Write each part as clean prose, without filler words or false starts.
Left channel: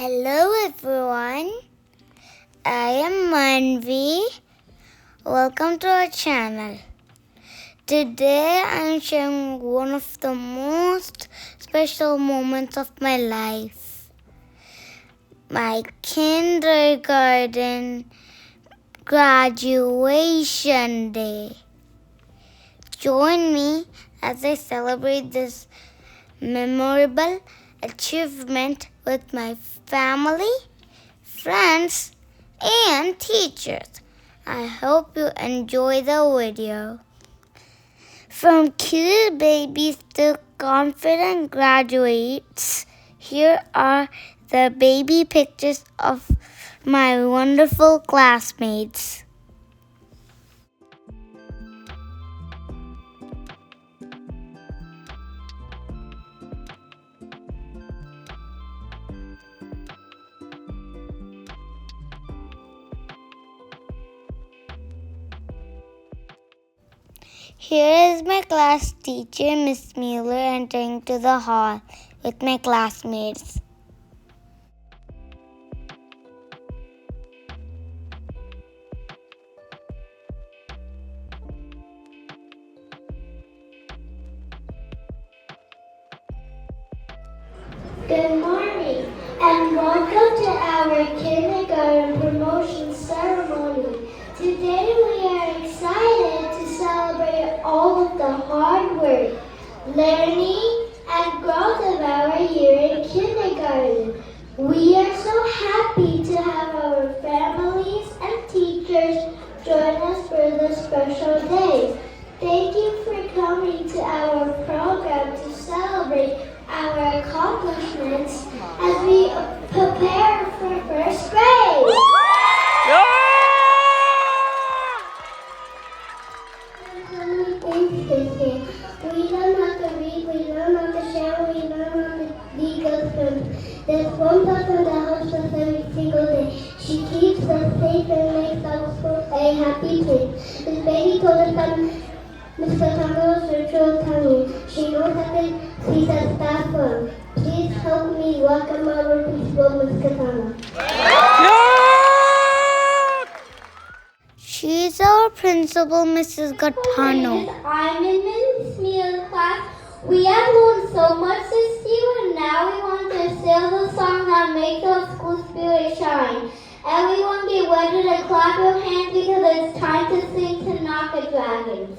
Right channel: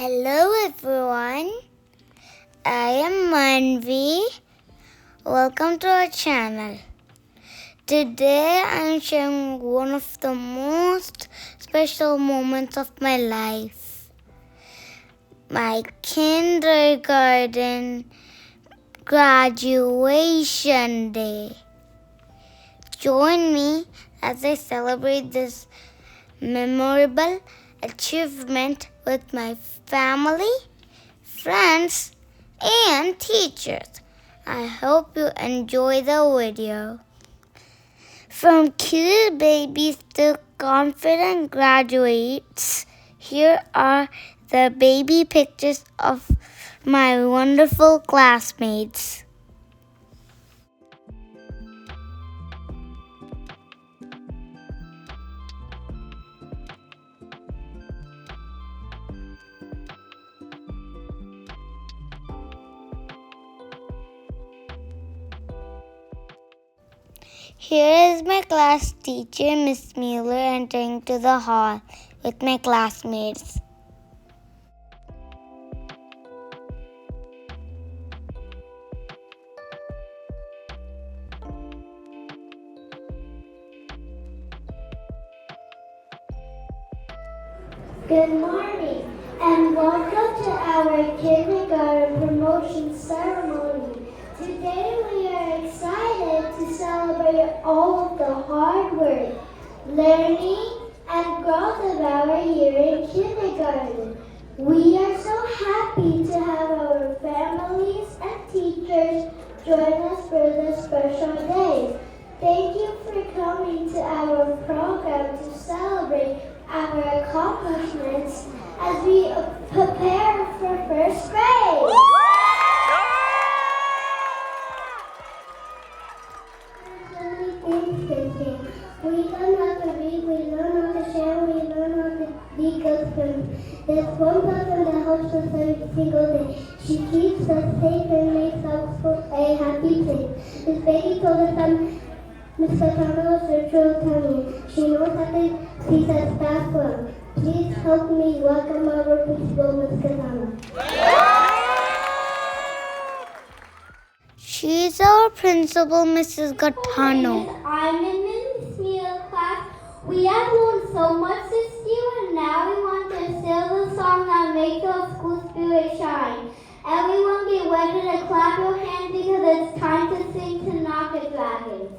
Hello everyone, I am Manvi. Welcome to our channel. Today I am sharing one of the most special moments of my life. My kindergarten graduation day. Join me as I celebrate this memorable achievement with my family, friends, and teachers. I hope you enjoy the video. From cute babies to confident graduates, here are the baby pictures of my wonderful classmates. Here is my class teacher, Miss Mueller, entering to the hall with my classmates. Good morning and welcome to our kindergarten promotion ceremony. Today we are excited to celebrate all of the hard work, learning, and growth of our year in kindergarten. We are so happy to have our families and teachers join us for this special day. Thank you for coming to our program to celebrate our accomplishments as we prepare for first grade. Things this year. We learn how to read, we learn how to share, we learn how to be good friends. There's one person that helps us every single day. She keeps us safe and makes our school a happy place. Miss Becky told us that Mr. Tanaka was virtual tummy. She knows that she's a staff firm. Please help me welcome our principal, Ms. Katana. She's our principal, Mrs. Gattano. I'm in Ms. Mia's class. We have learned so much this year, and now we want to sing the song that makes our school spirit shine. Everyone get ready to clap your hands because it's time to sing Tanaka Dragons.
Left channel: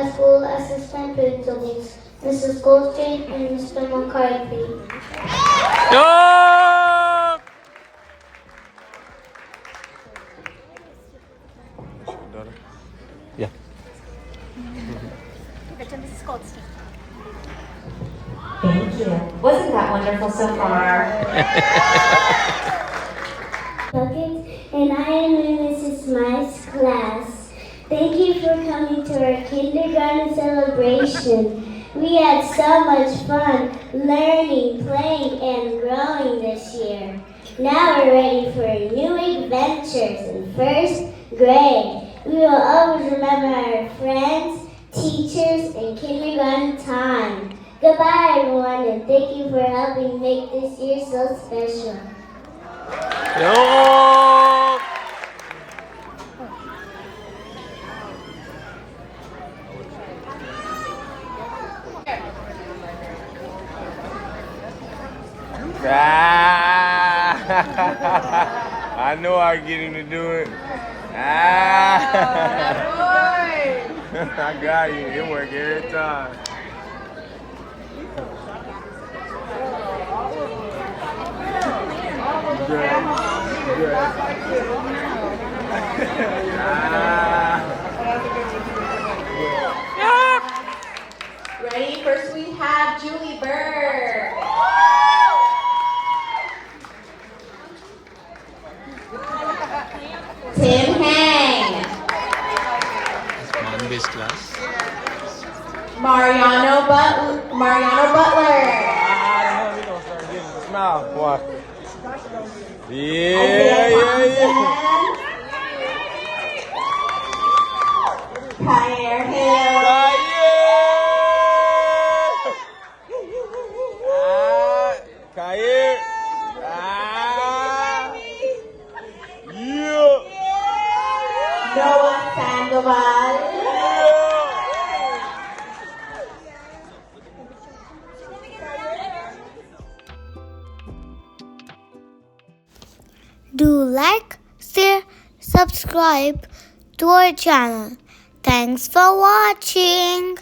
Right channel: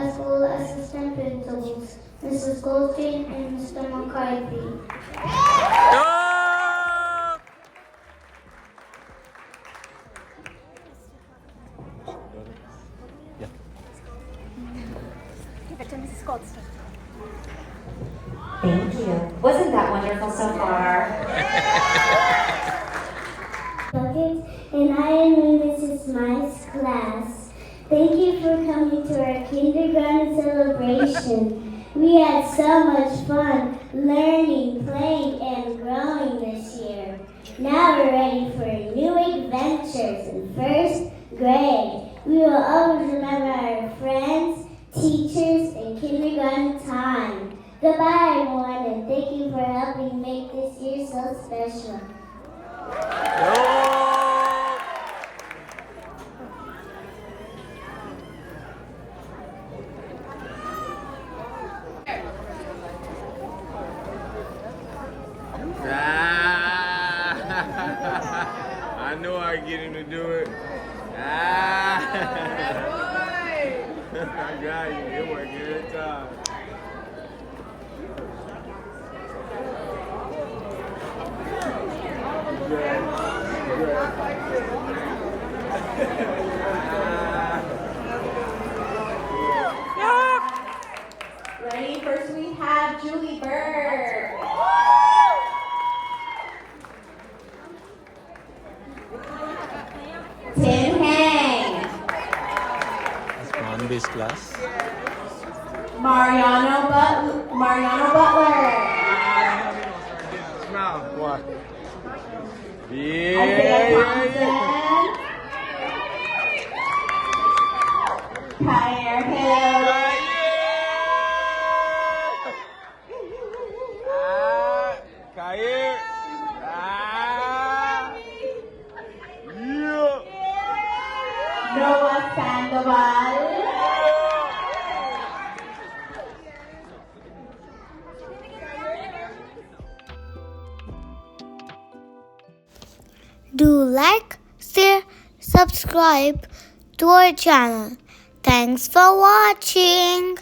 as school assistant principals, Mrs. Goldstein and Mr. McCarthy. Yup! Yeah. Thank you. Wasn't that wonderful so far? And I am in Mrs. Smythe's class. Thank you for coming to our kindergarten celebration. We had so much fun learning, playing, and growing this year. Now we're ready for new adventures in first grade. We will always remember our friends, teachers, and kindergarten time. Goodbye, everyone, and thank you for helping make this year so special. Yup! Ah, I know I get him to do it. Ah, I got you. It work every time. Ready? First we have Julie Bird. Tim Hang. That's Monbase class. Mariano Butler. Smile, boy. Isaiah Yeah. Thompson. Claire Hill. Kaye. Noah Sandoval. Do like, share, subscribe to our channel. Thanks for watching.